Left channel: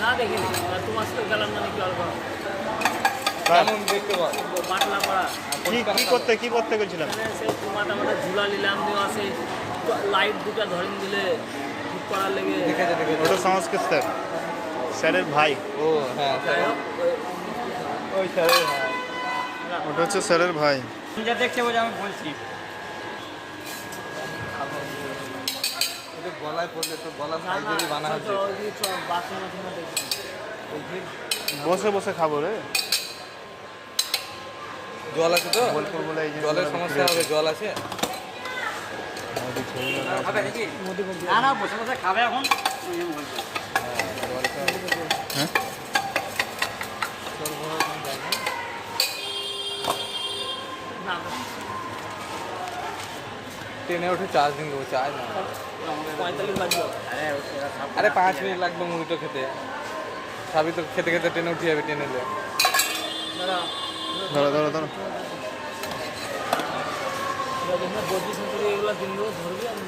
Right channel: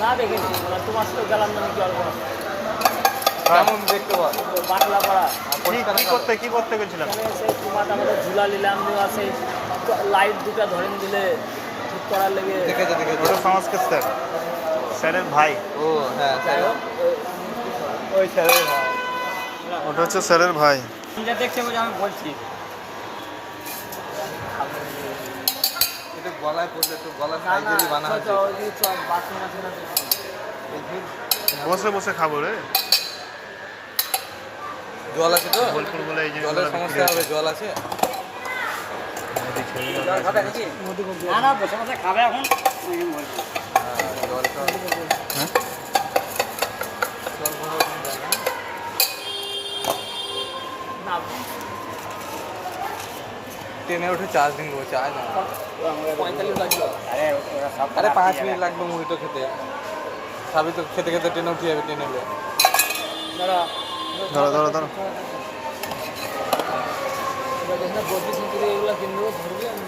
না দেখিনি তোমার সাথে গেলাম না নাকি অল্প কেমন দেখতে পাওয়া বাটলা পাড়া কি করতে গেছিলাম? এখানে সেই তোমাটা আমাদের ঝুলা নিলাম দেওয়া সেই লাইট দুটা ধরেন দিলে ঠিক করার লেগে দেখেছে ওটা সংস্কৃত স্যার, স্যারের ভাই। ও হ্যাঁ যাই হোক, ওই স্যারের ভাই। ওটা হচ্ছে স্যারের ভাই। যা দেখতে বলে আমি বলছি এটা গলায় পড়লে তো গলার না না সাইজেরই বানা হচ্ছে বাথরুম আছে না দেখছি। বসে বসে খাবো রে। জল আছে তো বোলপুর বলে এই জলের জিনিসগুলো সমস্যা হবে জল আছে না না বসে বসে খাবে এখন জলটা হ্যাঁ? জল ভরা কোনো জায়গা নেই। না ট্রেনে উঠে চার্জ দিন দেবো চার্জ না 45 লাগবে আরে 5 মিনিট লাগবে মুড়ি তো খেতে সবই তো খেতে খেতে ট্রেনে উঠে যাবে ট্রেনে এলে দাঁড়া ধরো ধরো। বদ্রি সেঞ্চুরি এগুলো কিনবো ধরবে আমি